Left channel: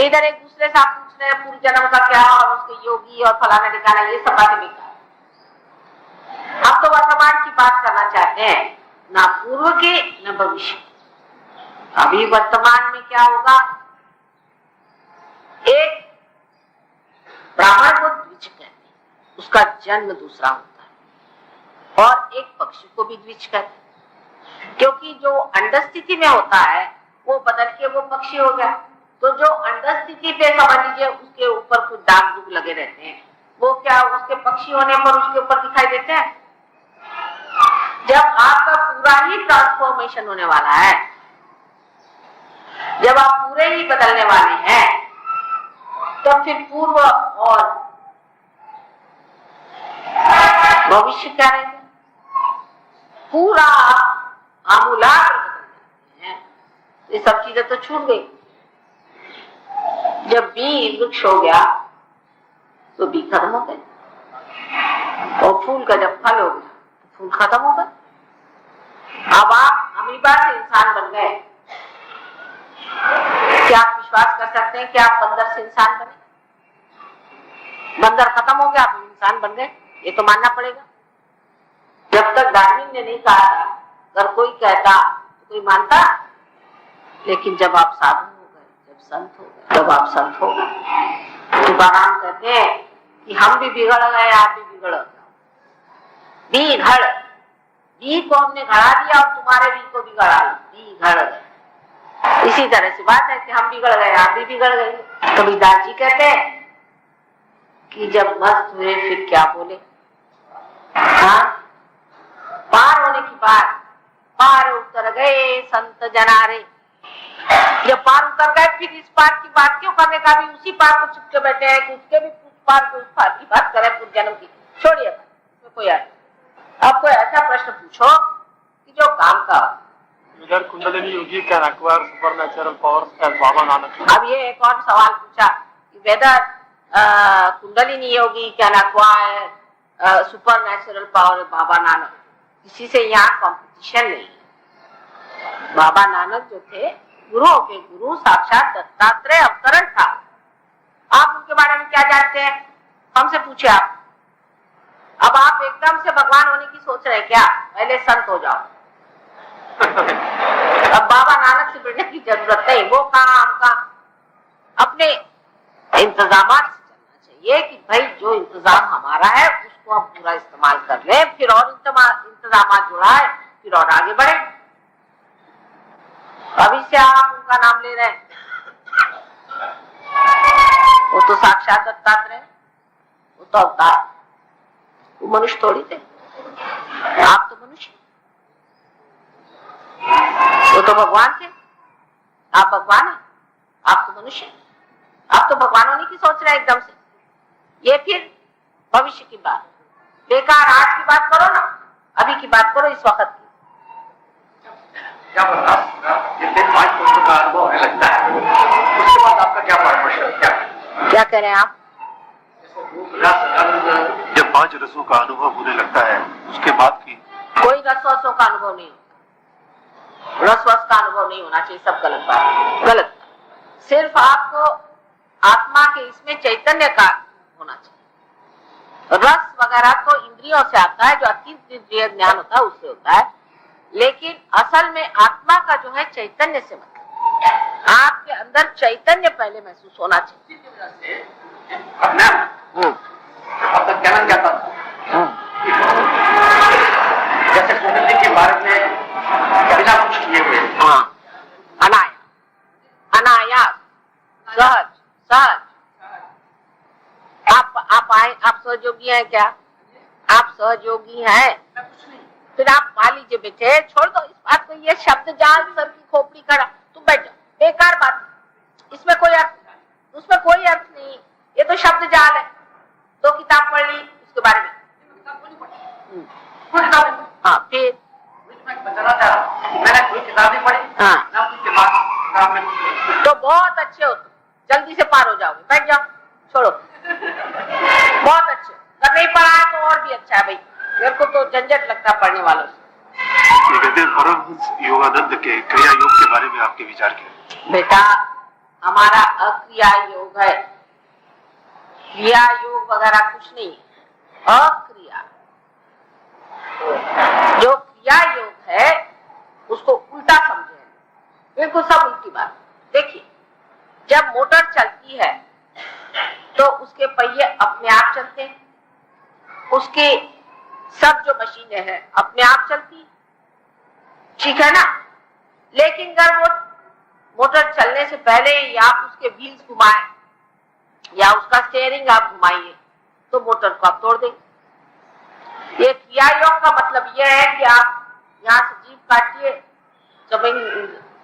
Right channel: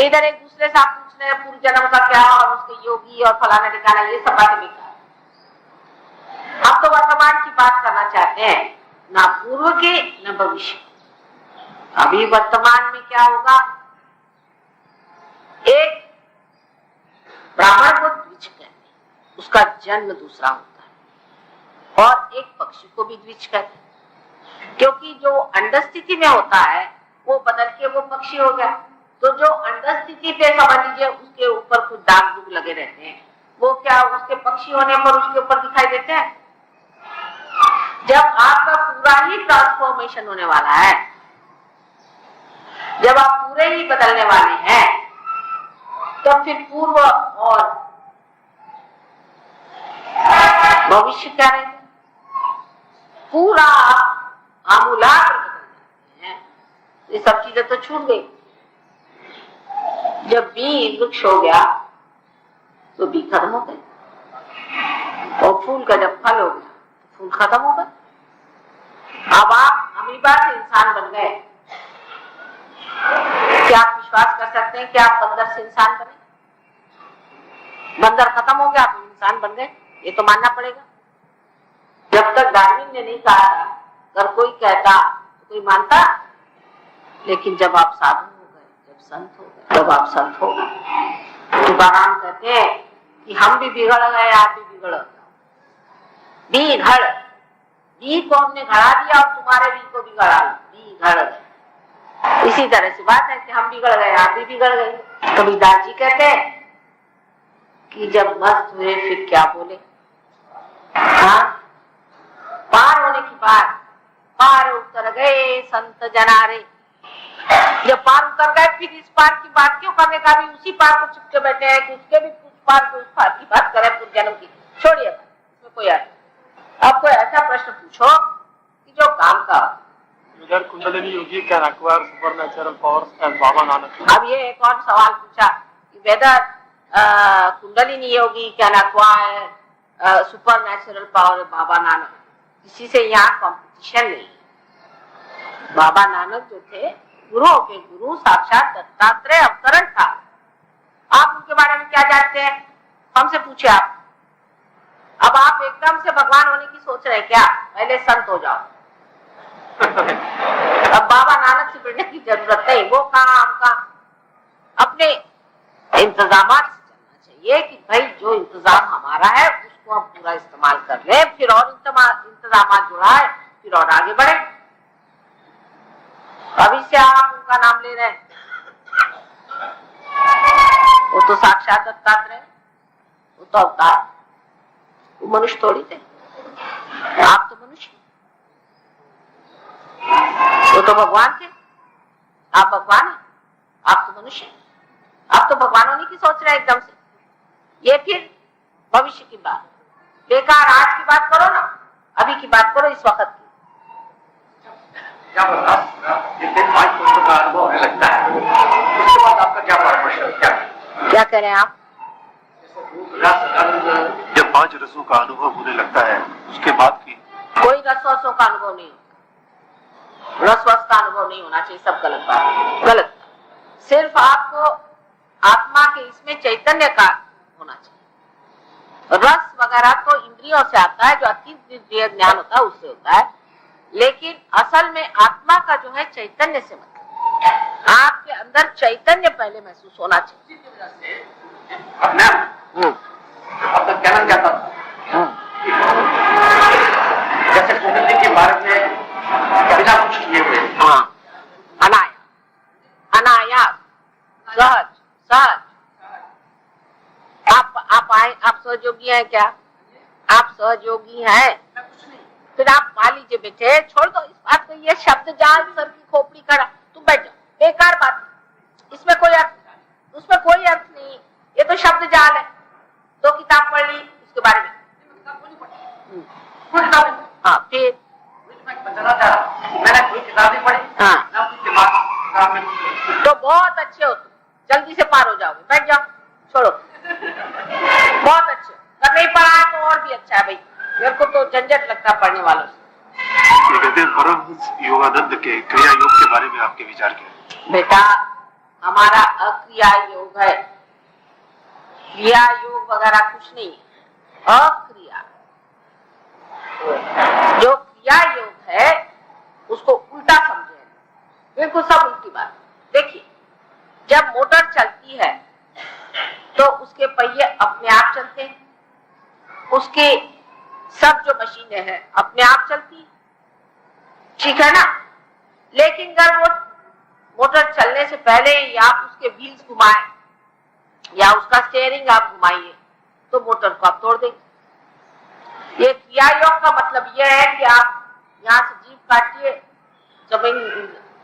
इधर एक दूसरे से आप पूछ रहे हैं पूर्व जन्म का क्या और उसके योगी और फलाना ठिकाना, ये सब बातें बेकार। हम तो वर्तमान की बात करना चाहते हैं, ना पूर्व के न भविष्य। अभी वर्तमान में क्या होगा, एक ब्राह्मण को द्विज कहते हैं, उसका जन्म दूसरा होता है, और एक पक्षी को भी द्विज कहते हैं, क्योंकि जो अंड स्थिति में होता है वो बदल के वो पक्षी हो गया। तो जो अंड स्थिति पे समझ लीजिए उसके ऊपर कुछ दाग दुग लगे रहते हैं, वो क्या उसके पक्षी होने पर उसके ऊपर दिखाई देते हैं। जब आपका पूरा ही ट्रांसफॉर्मेशन होने वाला है, जब आप पूरे ही बदलने वाले हैं, तो फिर पूर्व और भविष्य क्या रहेगा, पूरा आमूलाग्र बदल हैं। ये सब चीजें तो छूट गई। जब बीज वृक्ष हो गया तो बीज खत्म हो गए, और फूल का जब फल हो गया तो फूल खत्म हो गए। अब आप अमीबा से इंसान बन गए, क्या आप विश्वास कर सकते हैं कि आप बंदर से इंसान बने? बंदर खत्म हो गया, आप इंसान बन गए, ये तो मानना पड़ेगा। जब तक डार्विन ने नहीं कहा था, अगर कोई कहता तो कोई मानता, लेकिन जब आप साधु हो गए, जब संत हो गए, तब आप संत हो गए। तुकाराम कहते हैं कि हम भी बिगड़ गए, आप भी बिगड़ गए। बी को हमने घड़ा दिया और तुम्हारे बी को बिगड़ा, बी घड़ गए। इसी तरह से बात है कि हम बिगड़ गए, आप भी बिगड़ गए। कबीरदास जी कहते हैं कि जब मस्त हुए फिर क्या बोले। हाँ, पार होने की बात, पार उतर गए संत जनारे। जब पार उतर गए फिर इस पार की बात क्यों करने का, भी उसी पार को चुप के बैठे हैं कि उसके भी पार को उस पार की बात करें पूर्व जन्म की, छोड़िए इसमें कोई अर्थ। आपको ऐसा प्रश्न पूछो कि जो काम का। Whether Kundalini yogi can acquire supernatural powers as Baba Nanak? अब ये एक और सवाल पूछा कि whether kundalini yogi can acquire supernatural power Baba Nanak. किसी से यहाँ कंपटीशन नहीं। बाबा नानक जो थे गुरुओं के गुरु, साक्षात दत्तात्रेय अवतरण था। आप उनके बारे में क्या जानते हैं, हमसे पूछे आप। अब आप एकदम से भगवान होने की सोच रहे हैं क्या? पहले संत हो जाओ। अब बाबा नानक से बढ़ने की जरूरत नहीं। वो कहा आपका अपने इंतजाम से चलना चाहिए कि भाई जो इंतजाम हमारा है उसको हम पूरा इस्तेमाल कर ले, फिर और इंतजाम जुड़ा है, फिर और आगे बढ़े। अभी से आप उनका नाम ले रहे हैं, वो तो साक्षात दत्तात्रेय, वो तो अवतार, वो मनुष्य थोड़ी थे। आप तो मनुष्य, वो तो भगवान थे। आप भगवान हैं, आप तो मनुष्य। आप तो भगवान होने की सोच रहे हैं एकदम से। ये फिर भविष्य की बात, बेकार। आज की बात करो ना, अभी की बात करो, इस वक्त की। क्या बता, ये 5 वर्षों का अनुभव है लगता है, उसके बाद आपका क्या परामर्श, क्या कह रहे हैं आप? जब 5 रसों का अनुभव होने लगता है उसके बाद की कोई रसों का अनुभव नहीं होता, रसवस का अनुभव नहीं होना चाहिए। सब गलत बात, गलत। सिर्फ आपको आत्मा के इसमें चैतन्य का होना चाहिए। रस वगैरह तो इंद्रियों से आता है, जो अतीत इंद्रिय ज्ञान होता है उससे होता है, लेकिन असल में आत्मा का जो है चैतन्य से मतलब आपके अंदर चैतन्य पहले महसूस होना चाहिए। आपका कहना क्या था, जैसे कुंडली के बारे में बिना कुछ किए हुए, हाँ, अनायास, सहज सहज। आप आए, आप सहयोगी हैं क्या? आप सहयोगी हैं? फिर आप मान लीजिए बेटे, छोड़ दो इस बात को, ये शब्द जाल सर की खोपड़ी खड़ा, तुम बैठ जाओ, बेकार बात, इसमें कोई अर्थ, उसमें कोई अर्थ नहीं। ये तो शब्द जाल है। 2 किताब पढ़ ली उसके बारे में, हाँ, फिर बताना चाह रहा, मैंने कोई किताब नहीं पढ़ी, हाँ, ना अपनी दिमाग में, तो बहुत अच्छे हो, जल्दी से पार हो जाओगे, बैठ जाओ, छोड़ो, बहुत अच्छे। अगर नहीं पढ़ा तो और भी अच्छा है भाई, मेरे को तो झंझट लगता पढ़ने वालों से। परमहंस योगानंद के क्रिया योग के बारे में आपके विचार क्या है? बेटा, हमारा अक्रिया योग है, क्रिया योग वगैरह कुछ नहीं, अक्रिया। जो क्रिया योग है उसको उल्टा समझे, बिल्कुल सब उल्टी बात। देखिए, जब मोटर चलती है तो उसके पहिए अपने आप चलते हैं, उसके सब जो मशीनें हैं अपने आप चलती, ठीक है ना। लेकिन अगर वो मोटर चलने से पहले ही आप उसके व्हील्स घुमाएं या उसका स्टीयरिंग आप घुमाइए तो मोटर को आप तोड़ देंगे। ये क्रिया योग का मतलब यह है कि आप यहाँ से जीभ काटिए,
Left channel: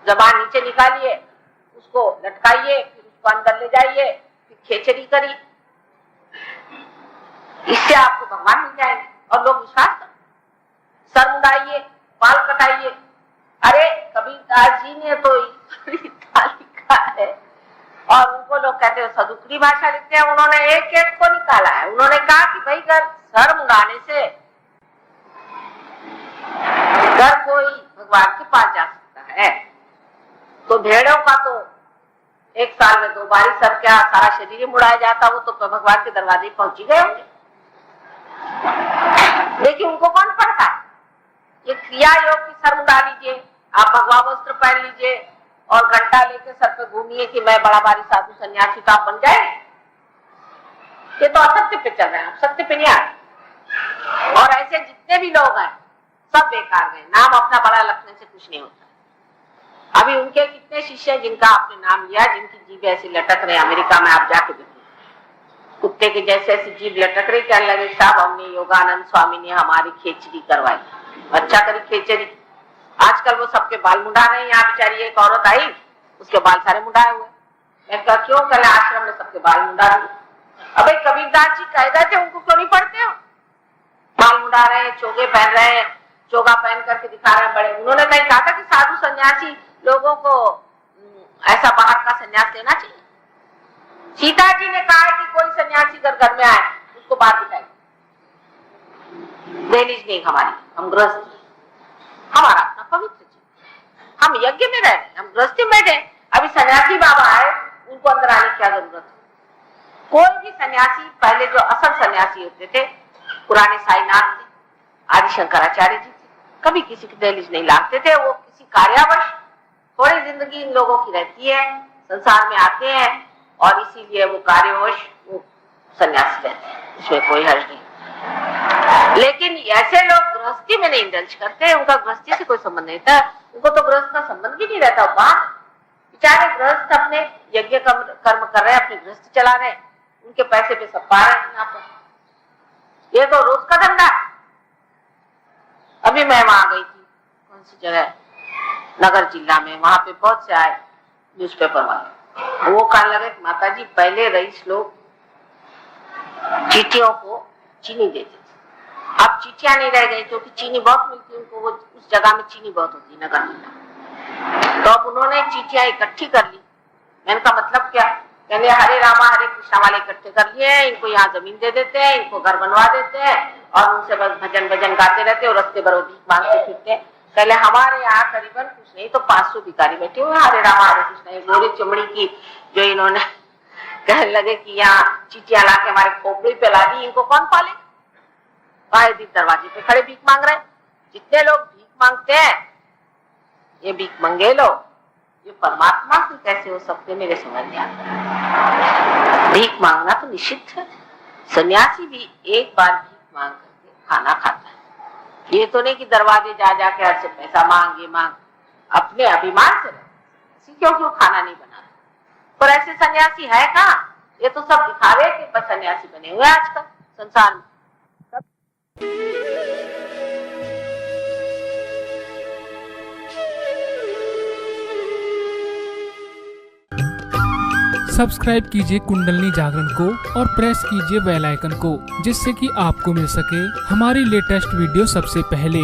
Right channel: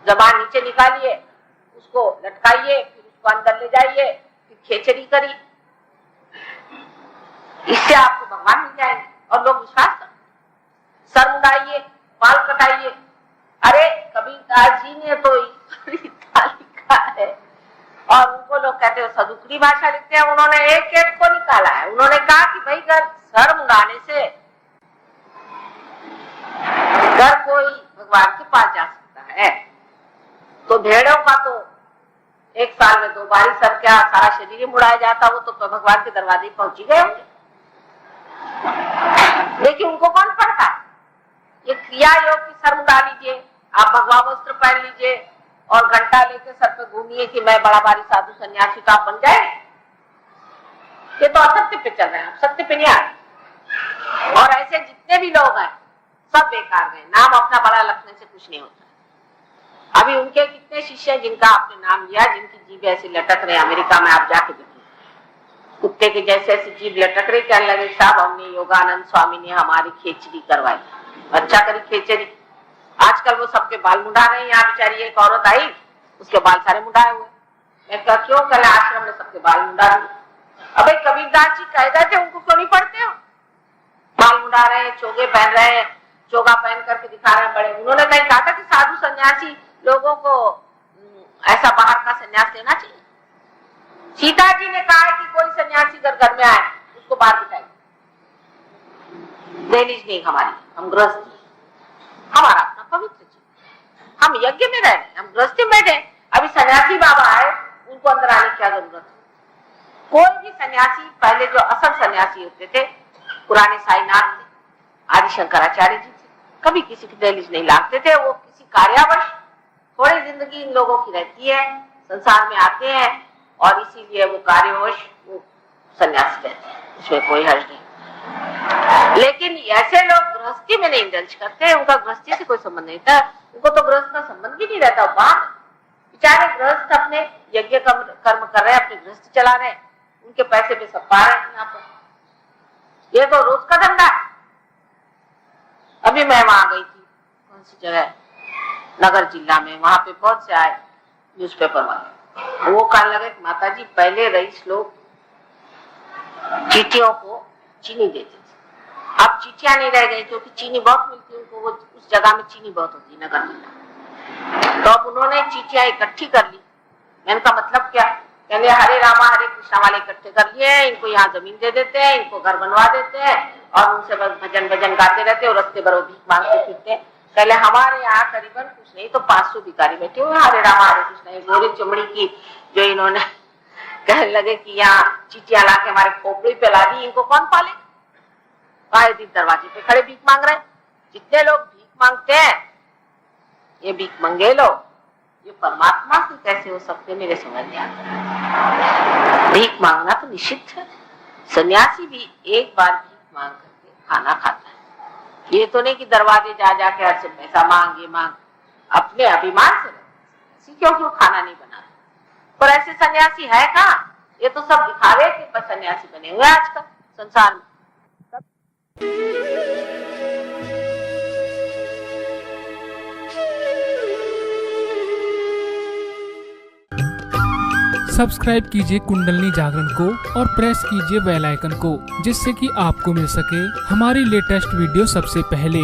जबान नीचे निकालिए, उसको लटकाइए, फिर उसको अंदर ले जाइए, फिर खेचड़ी करिए, इससे आपको भगवान मिल जाएंगे। और लोग विश्वास करें। सर मुड़ाइए, बाल कटाइए, अरे कबीरदास जी ने तो लिखा है, और उनको लोग कहते हैं सदुक्री भाषा लिखते हैं, उन्होंने एक एक को निकाला है। उन्होंने कहा कि भाई अगर सर मुड़ाने से अगर कोई भगवान के पास जा सकता है तो भेड़ों का तो एक साल में 2 बार सर क्या सारा शरीर मुड़ाया जाता, वो तो भगवान के दरवाजे पहुंची गए होंगे। लेकिन उनको कौन पढ़ता है? ये क्रिया योग की सर मुड़ा लीजिए, आप भगवा वस्त्र पहन लीजिए और घंटा लेके सर पे घूमिए कि मैं बड़ा भारी साधु सन्यासी, तो आप बन जाए। ये तो असत्य पे चल रहे हैं, सत्य पे नहीं आ रहे। और ऐसे जितने भी लोग हैं सब बेकार हैं, नाम अपना बड़ा रखने से कुछ नहीं होता। अभी उनके कितने शिष्य हैं जिनका आपने नाम लिया, जिनकी जीभ ऐसी लटक रहे, अमेरिका में आप जाके देखिए, कुत्ते के जैसे ऐसी जीभ लटक रही, कहने लगे साहब हमने योगानंद स्वामी ने हमारी खेचड़ी करवाई। अच्छा करी खेचड़ी। आजकल वो सबके बाल मुंडा रहे हैं। यहाँ बेचारी एक औरत आई, उसके बाल सारे मुंडाए हुए। मैं कहा क्यों? कहले आश्रम में सबके बाल मुंडा दिए। अबे कबीरदास जी कह गए थे, उनको क्यों नहीं पढ़ते हो? बाल मुंडा रहे हैं, चोगे पहन रहे हैं, चोगा पहन करके दिखा रहे हैं बड़े। उन्होंने कहीं कहा था कि साधु सन्यासी लोगों को ऐसा बाहर का सन्यास लेना चाहिए? सीता जी ने कहा है कि कोई सन्यासी घर में आए उसको बाहर दिखाई। दहलीज नहीं हमारी, हम गृहस्थ, हमारा अपना पवित्र जीवन, हम यज्ञ में रहे, हम गृहस्थी में बैठे। अभी सन्यासी बाबा आए, उनको अंदर आने की क्या जरूरत है? कोई भी सन्यासी, पहले जो असल सन्यासी होते थे, पुराने साईनाथ थे, आदि शंकराचार्य जी थे, कभी किसी की दहलीज नहीं लागते थे। वो किसी कार्यावश थोड़ी जिंदगी इन लोगों की रहती है, संसार में आते हैं और इसीलिए वो कार्यवश वो सन्यासी रहते हैं, इसमें कोई हर्ज नहीं। लेकिन ऐसे लोग गृहस्थी में नहीं इंडल्ज करते, उनका गृहस्थी से कोई संबंध नहीं था, उनको तो गृहस्थ का संबंध भी नहीं रहता। बाहर बेचारे गृहस्थ अपने यज्ञ कर्म कर रहे हैं, अपने गृहस्थ चला रहे हैं, उनके पैसे पे सब पा रहे हैं यहाँ पर। ये तो रोज का धंधा है। अभी मैं वहां गई थी, कौन सी जगह, नगर जिला में, वहां पे बहुत से आए न्यूज़पेपर वाले। वो कहने लगे माता जी पहले रईस लोग चीटियों को चीनी देते थे, अब चीटियां नहीं रह गई क्योंकि चीनी बहुत मिलती है उनको, वो उस जगह में चीनी बहुत होती है नगर में। तो अब उन्होंने चीटियां इकट्ठी कर ली। मैंने कहा मतलब क्या? कहले हरे रामा हरे कृष्णा वाले इकट्ठे कर लिए, इनको यहाँ जमीन दे देते हैं, इनको घर बनवा देते हैं और उनसे बस भजन भजन गाते रहते और रस्ते भर मांगते फिरते हैं। पहले हमारे यहाँ करीबन कुछ नहीं तो 500 भिखारी बैठे हुए हरे रामा हरे कृष्णा। गोरी चमड़ी की जो इन्होंने कहने लगे कि यहाँ चीटियां ला के हमारे खोपड़ी पे ला दी, इनको कौन पाले? आए दिन दरवाजे पे खड़े भीख मांग रहे। जितने लोग भीख मांगते हैं ये भीख मंगे लोग, ये परमात्मा से कैसे हो सकते? मेरे समझ में आता। भीख मांगना तो निषिद्ध है। सन्यासी भी एक बार भीख मांग करके खाना खाता है। ये तो नहीं कि दरवाजे जा जाके हर से पैसा मांग, ये मांग, अपने अभिमान से रहते। क्यों खाना नहीं बना? पर ऐसे सन्यासी है कहाँ? ये तो सब दिखावे के बस सन्यासी बने हुए आजकल संसार में। सब्सक्राइब कीजिए कुंडलनी जागरण को और प्रेस कीजिए बेल आइकन को, जिससे कि आपको मिल सके हमारी लेटेस्ट वीडियो सबसे पहले।